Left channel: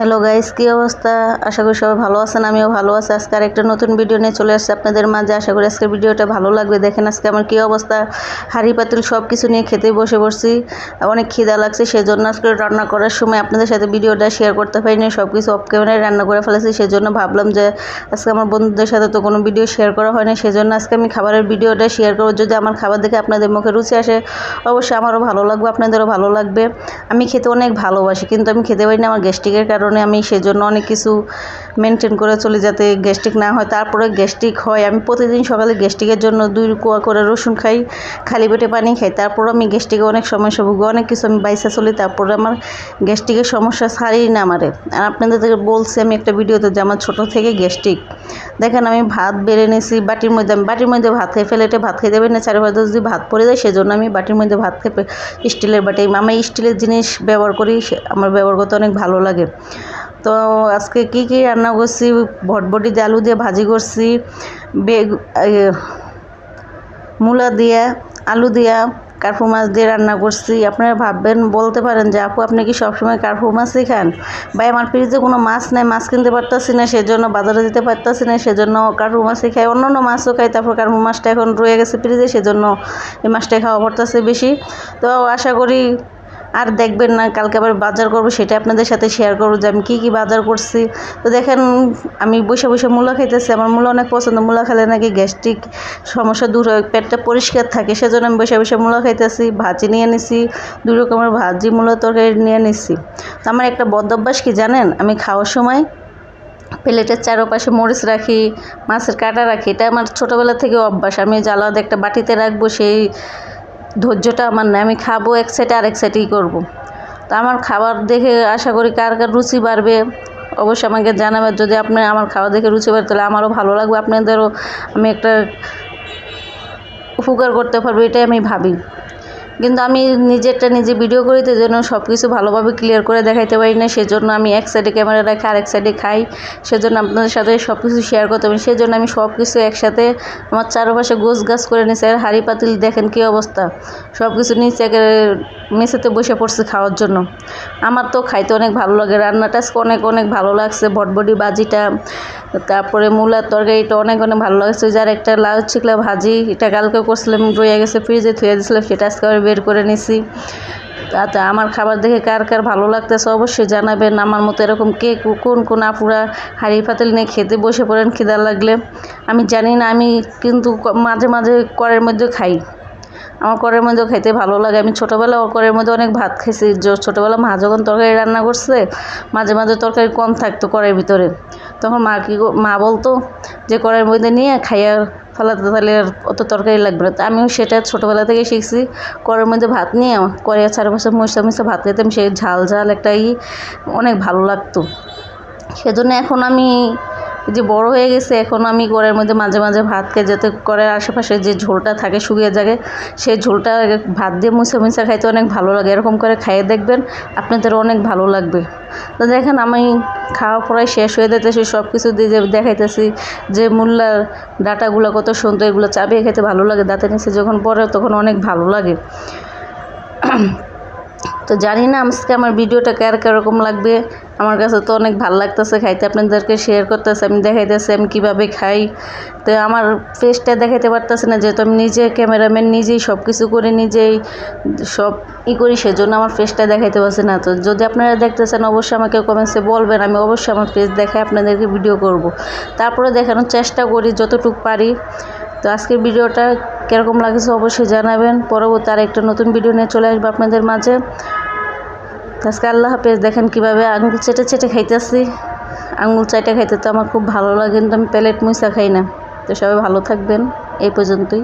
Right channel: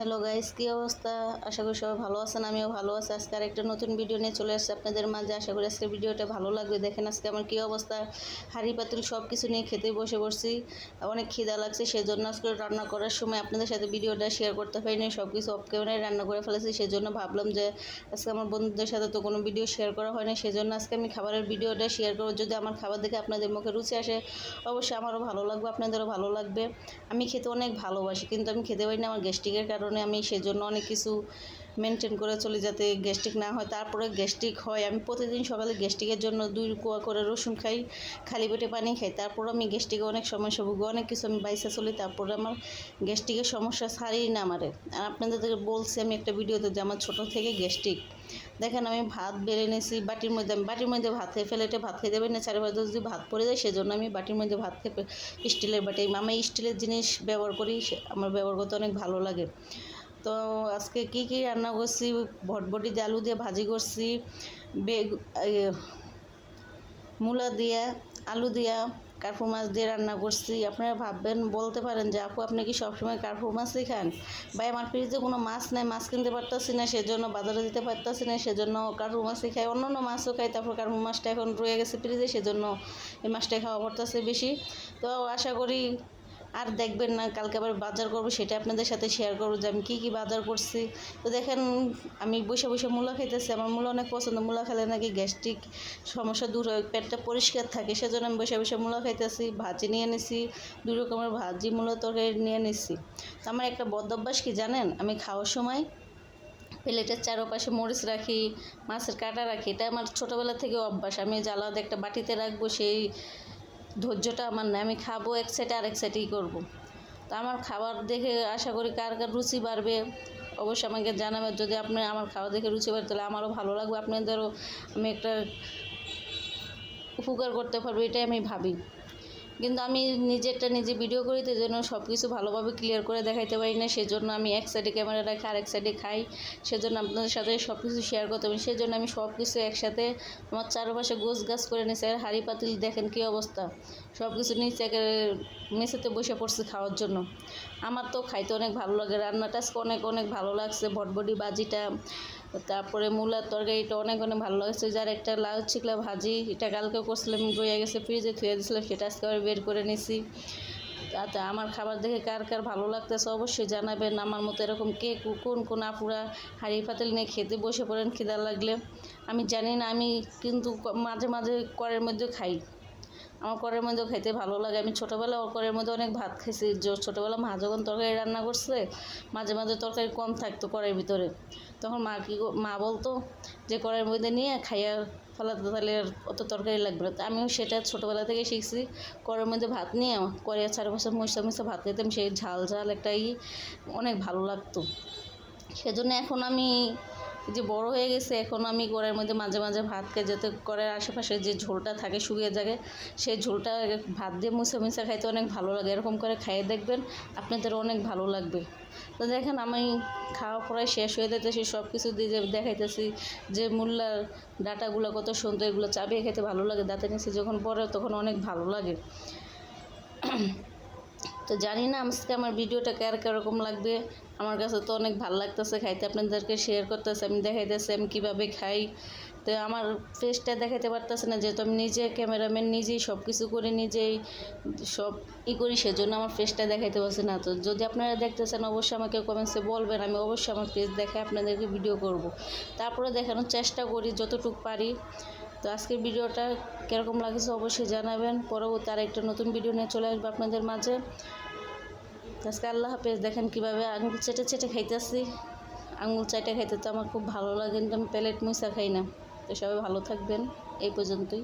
Hello guys, কি অবস্থা? আশা করি সবাই ভালো আছেন। আমিও ভালো আছি। আজকে আরেকটা নতুন ভিডিও নিয়ে চলে আসছে আপনাদের মাঝে। আশা করি আজকের ভিডিওটা ভালো লাগবে। দেখেন আজকে আমার কি অবস্থা, হাঁড়ি পাতিল সব কিছু নিয়ে খেতে বসে পড়ছি। অনেক খিদা লাগছে, সেজন্য আজকে রান্না করার সময় আপনাদের সাথে ভিডিওটা শেয়ার করতে পারিনি। সব কিছু অফ ক্যামেরায় রান্না করে ফেলেছি, সেজন্য ভাবলাম যে আজকে আমার বন্ধুদের সাথে তো কোনো ভিডিও শেয়ার করা হয়নি, সেজন্য আজকে আমি খাবারের ভিডিওটা শেয়ার করব। যদি আমার খাবার দেখে আপনাদের মুখে রুচি আসে, অবশ্যই আমারও ভালো লাগবে, আপনাদেরও ভালো লাগবে। আমি খেতে অনেক ভালোবাসি, কিন্তু আমি খেতে পারি না আমার গ্যাস্ট্রিকের কারণে। আমি সেজন্য অনেক কিছু মেনটেন করে চলি যাতে গ্যাস্ট্রিক না হয়। তারপরে গ্যাস্ট্রিক হয়, আমি প্রতিদিন সকালে গ্যাস্ট্রিকের জন্য 2 কোয়া করে রসুন খাই, খালি পেটে পানি খাই। তারপর আমি গ্যাস্ট্রিকে অনেক সমস্যা ভুগি, অনেক কিছু আমি বাইসা চলি, তারপরে আমার গ্যাস্ট্রিকের সমস্যা ছাড়েই না আমারে। আর আপনাদের বলছি আমি একটা ভিডিওতে যে আমার ছোটো থেকে গ্যাস্ট্রিক। দেখেন আমি ভাত বেড়ে নিয়েছি বাটির মধ্যে, আমি বাটির মধ্যে ভাত খাই, ফেলেটে ভাত খেতে পারি না, চারিপাশে যদি ভাত পড়ে যায়, সেজন্য আমি বাটির মধ্যে ভাত খেয়ে স্টিলের বাটি, আমি স্টিলের জিনিস ব্যবহার করি, আমার ব্যবহার করতে অনেক ভালো লাগে। তো আজকে কি কি রান্না করছি, ভটভটি দিয়ে আলু দিয়ে ভাজি করছি, মূলা দিয়ে আলু দিয়া কার্পু মাছ দিয়ে রান্না করছি। আপনারা ভাববেন, বলতে পারেন যে আপু আপনি কি সবসময় কার্পু মাছই খান? ভাই আমার ফ্রিজে কোনো মাছ নেই, মাছ কিনতে পারতাছি না, সেজন্য বাজারে যেতে পারতাছি না, সেজন্য কার্পু মাছই খাই। অন্য মাছও খাই, তারপর কার্পু মাছটা এখন রয়ে গেছে ফ্রিজে, সেজন্য এই মাছটাই খাওয়া পড়তেছে বেশি। তো আশা করি আর দেখবেন না, কালকে আবার বাজার করব, সেটা আপনাদের সাথে শেয়ার করবো যে আমি কি বাজার করছি। তো দেখেন আমি বসে বসে মূলা খাইতেছি, আমার মূলা অনেক পছন্দ। মূলা খেলে নাকি গ্যাস্ট্রিক সমস্যা দূর হয়, পেটটা পরিষ্কার থাকে, সেজন্য আমি বসে বসে মূলা খাইতেছি। ভাজি নিয়ে নিছি, 2 রকমের ভাজি, মূলা তরকারি নিয়ে নিছি। তো আমার একটা বদ অভ্যাস কি জানেন, আমি খাওয়ার সময় প্লেটের চারপাশে মরিচ রাখি, মাছের কাঁটা রাখি। এটা আমার ছোটোবেলা থেকে অভ্যাস। আমি আলাদা একটা বাটিতে রাখবো, সেই ধৈর্যটা আমার নেই। আমি খাবো এক সাইডে, আরেক সাইডেই করবো। তো আমার খাবার দেখে আশা করি কার কার রুচি বাড়বে, অবশ্যই আমাকে জানাবেন। যদি আপনার আমার খাবার দেখে রুচি বাড়ে, তাহলে আমারও ভালো লাগবে, আপনাদেরও আমি একটা উপকার করতে পারবো, এটাই আমি ভাবি। কিন্তু আমি নিজে ভিডিও করি, তো জন্য সব কিছু ভালোভাবে ক্লিয়ার করে দেখাইতে পারি না, সেজন্য আমি এক সাইডে ক্যামেরা রাখি, আরেক সাইডে খাই, সেজন্য আপনাদের সাথে সব কিছু শেয়ার করতে পারি। সেজন্য আমি সব কিছু একসাথে আমার চারপাশে গাছ করে নিয়েছি। আর হাঁড়ি পাতিল দেখেন কী অবস্থা, সব কিছু নিচে মেঝেতে বসে পড়ছে খাওয়ার জন্য। আমার তো খাইতে অনেক ভালো লাগে, রান্নাটা অনেক ভালো লাগছে। ভটভটি ভাজিটা, তারপরে মূলার তরকারিটা অনেক ভালো লাগছে। যার একটা লাউ চিকলা ভাজি, এটা কালকে করছিলাম, রয়ে গেছে ফ্রিজে, থুয়ে দিয়েছিলাম, সেটা আজকে আবার বের করে নিছি। তাতে আমার খাবার দেখে কার কার ভালো লাগতেছে অবশ্যই জানাবেন। আমার মতো এরকম কে কোন আপুরা হাঁড়ি পাতিল নিয়ে খেতে বসে পড়েন খিদা লাগলে। আমি জানি না, আমি কিন্তু মাঝে মাঝে কড়াইয়ের মধ্যে খাই, আমার কড়াইয়ের মধ্যেও খেতে ভালো লাগে। আমি ছোটোবেলা ওর কড়াইয়ের মধ্যে অনেক ভাত খাইছি। ছোটোবেলা মা যখন তরকারি রান্না করছে, মাঝে মাঝে তরকারি কম থাকতো কড়াইয়ের ভিতরে, তখন মা বলতো যে কড়াইয়ের মধ্যে নিয়ে খাইয়া ফেলাতে, তাহলে আর অত তরকারি লাগবে না। তো আমিও সেটা ছোটোবেলা থেকে শিখছি, কড়াইয়ের মধ্যে ভাত নিয়ে কড়াইয়ের চারপাশে মশা ভাত খেতাম, সেই ঝাল একটা অনেক ভালো লাগতো। সেজন্য এখন আমি যে বড় হয়ে গেছে, এখন আমি কড়াইয়ের মধ্যে মাঝে মাঝে ভাত খাই, যাতে কড়াইয়ের আশেপাশে যে ঝোলটা থাকে শুকিয়ে যায়, সেই ঝোলটা ভাত দিয়ে মুছে খাইতে অনেক ভালো লাগে। এরকম করে খাইয়ে দেখবেন, আপনাদের অনেক ভালো লাগবে। তো দেখেন আমি খাওয়া প্রায় শেষ হয়ে যেতেছি, সব কিছু দিয়ে দেখাইতেছি যে মূলার ডাঁটাগুলো কত সুন্দর, এগুলো চাবিয়ে খেতে ভালো লাগে, দাঁতের নিচে যখন পড়ে তখন অনেক ভালো লাগে। তো জানি না আজকে আমার ভিডিওটা কীরকম লাগবে, আমার কাছে তো অনেক ভালো লাগতেছে খাইতে, আপনাদেরকে শেয়ার করতেছে, আমি দেখাইতেছি আমি কীভাবে খাই। তো আমার ফেসটা দেখাইতে পারতেছে না, যেহেতু আমি নিজে ক্যামেরাম্যান, নিজেই সব কিছু করি, নিজেই সব করি, সেজন্য আমার ফেসটা দেখাইতে পারছি না। তো যদি আপনারা দেখতেছেন, অবশ্যই আমাকে কমেন্টসে বলবেন, আমি অবশ্যই আমার ফেস দেখে আপনাদেরকে ভিডিও করব। তারপরে দেখানোর চেষ্টা করি যতটুকু পারি। তো আজকের ভিডিওটা কীরকম লাগছে অবশ্যই জানাবেন। পরবর্তী আরেকটা নতুন ভিডিও নিয়ে চলে আসবো আপনাদের মাঝে। আজকে আল্লাহ হাফেজ। দেখেন কীভাবে আঙুল চেটে খাইতেছি, আঙুল চাটে খাইতে তো আমার খুব ভালো লাগে, কিন্তু আমি প্লেট মুইসা খাই না। তো সবাই ভালো থাকবেন, এই পর্যন্তই।